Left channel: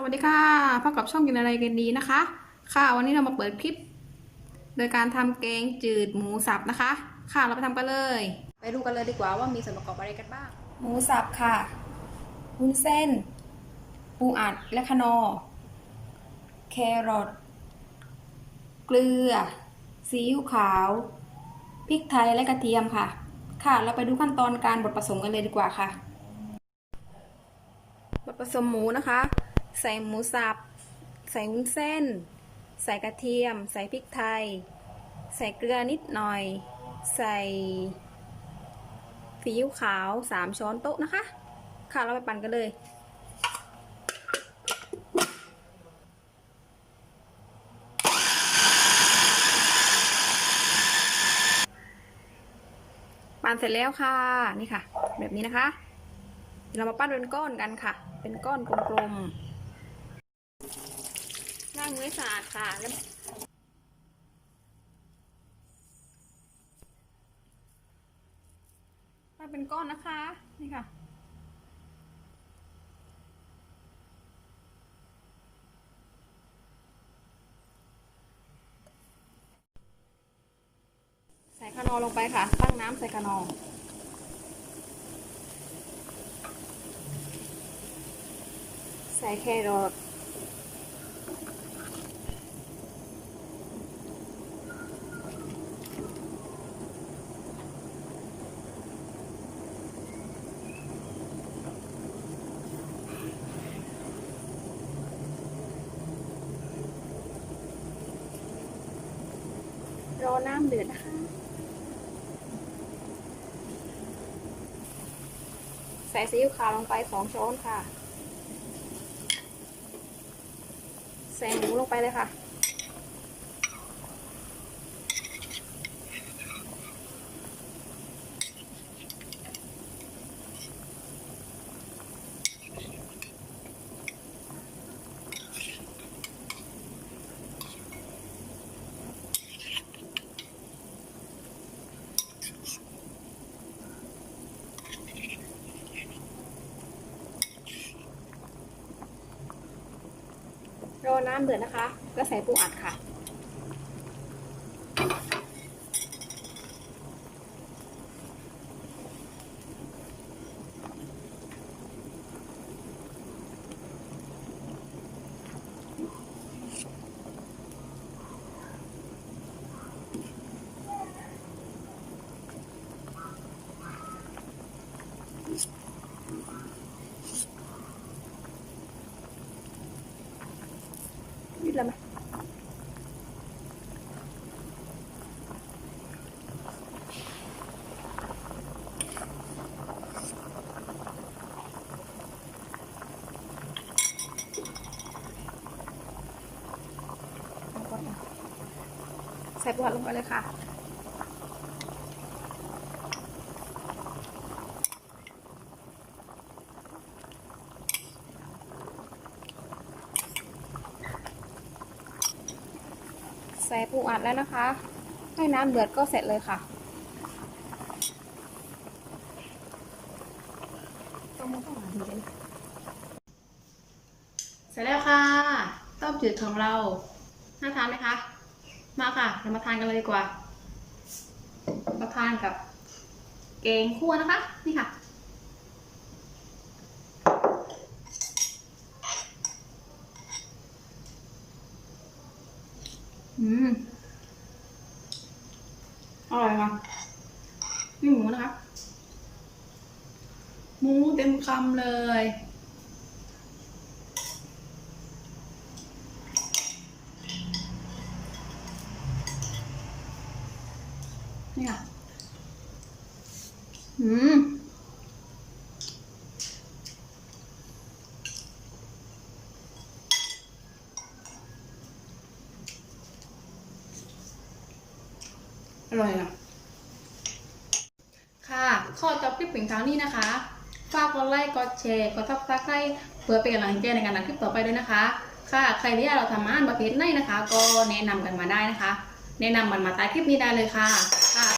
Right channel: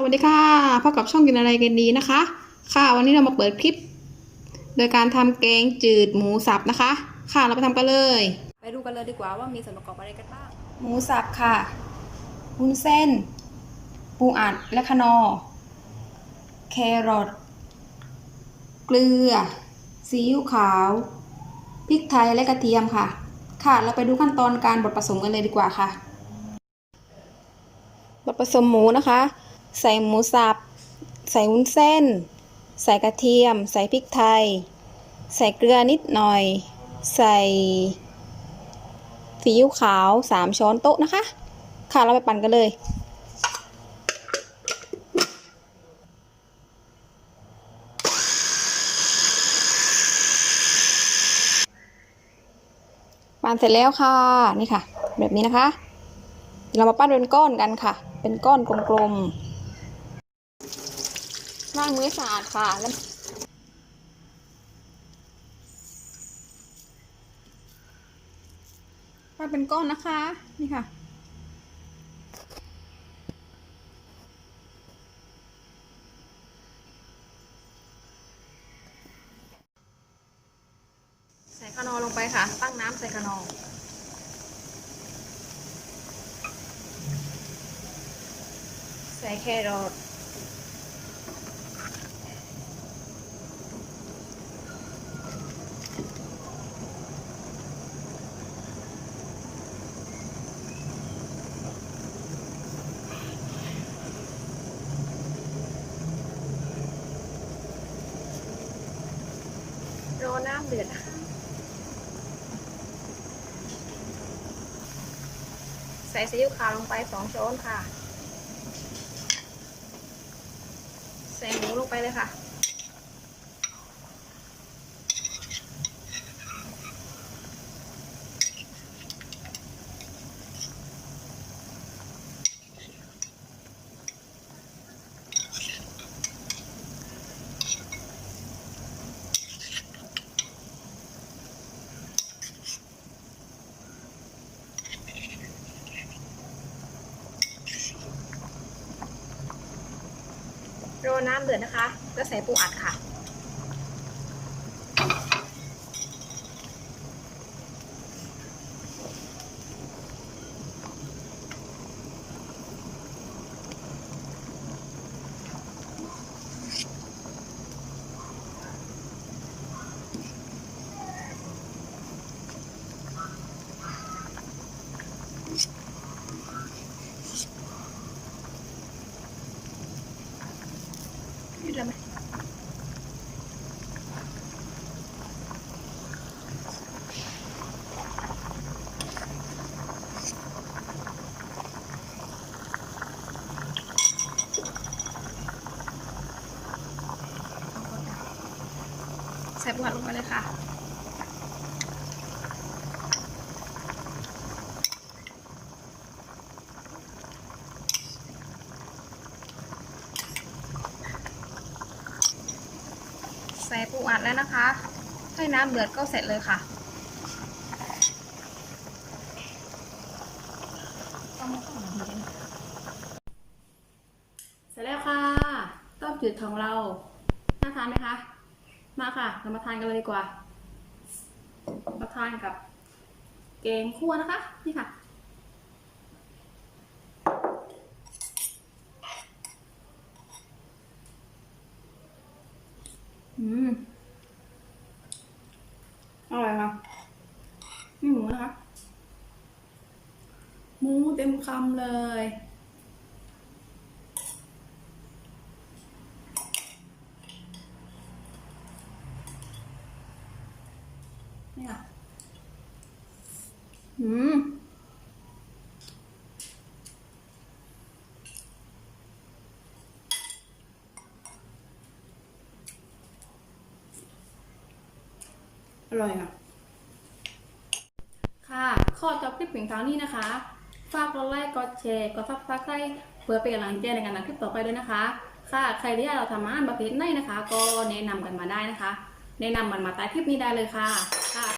สวัสดีค่ะพบกับช่องกินอะไรกันดีนะคะ ค่ะวันนี้เรามาเปิดคลิป โดยการทำแกงจืดหมูสับนะคะ ค่ะเราไปทำกันเลย ไปดูกันเลยดีกว่าว่ามีส่วนประกอบอะไรกันบ้าง หมูสับค่ะวุ้นเส้น ปูอัดและคะนอร์แครอทเกลือ ซีอิ๊วขาวพริกไทยและกระเทียมค่ะ ค่ะเราไปดูขั้นตอนการบดผสมกันเลยดีกว่าค่ะ บดผสมหมูนะคะ ใส่หมูสับ ใส่วุ้นเส้น ใส่กระเทียม ใส่พริกไทย ใส่เกลือนิดหน่อย ใส่ซีอิ๊วขาว 3 ช้อนโต๊ะนะคะ ค่ะเราไปปั่นกันเลยปั่นเสร็จแล้วค่ะ นี่ค่ะ แบบนี้นะคะ เรามาปั้นเป็นก้อนกันค่ะ เป็นก้อนกลมๆ ล้างมือสะอาดค่ะแล้วปั้นเป็นก้อนนะคะ นี่ค่ะใส่ขนอลงไปค่ะ ตั้งน้ำใส่ขนอใส่แครอท รอน้ำเดือดนะคะใส่ซีอิ๊วขาวลงไปสองช้อนค่ะ ใส่หมูลงไปเลยค่ะ น้ำเดือดนะคะ ก็ใส่ปูอัดค่ะ ส่ปูอัดลงไปเลยค่ะ ใส่ปูอัดแล้วนะคะให้น้ำเดือดก็เสร็จเลยค่ะเสร็จแล้วค่ะ ต้มจืดของเราน่าทานไหมคะ มาค่ะ เรามาทานกันเลยดีกว่า มาทานกับแกงคั่วนะคะ นี่ค่ะ อืม อร่อยค่ะนี่หมูนะคะ หมูเต็มคำเลย นี่ค่ะอืมอร่อยอะ ค่ะข้อจบคลิปเพียงเท่านี้นะคะ ฝากกดไลค์ กดแชร์ กดซับสไครต์เพื่อเป็นกำลังใจในการทำคลิปต่อไปด้วยนะคะ ค่ะ ใครที่อยากเราทำอาหารประเภทไหนนะคะ ก็แนะนำกันมาได้นะคะ แนะนำมันมาใต้คลิปนี้ได้เลยค่ะค่ะ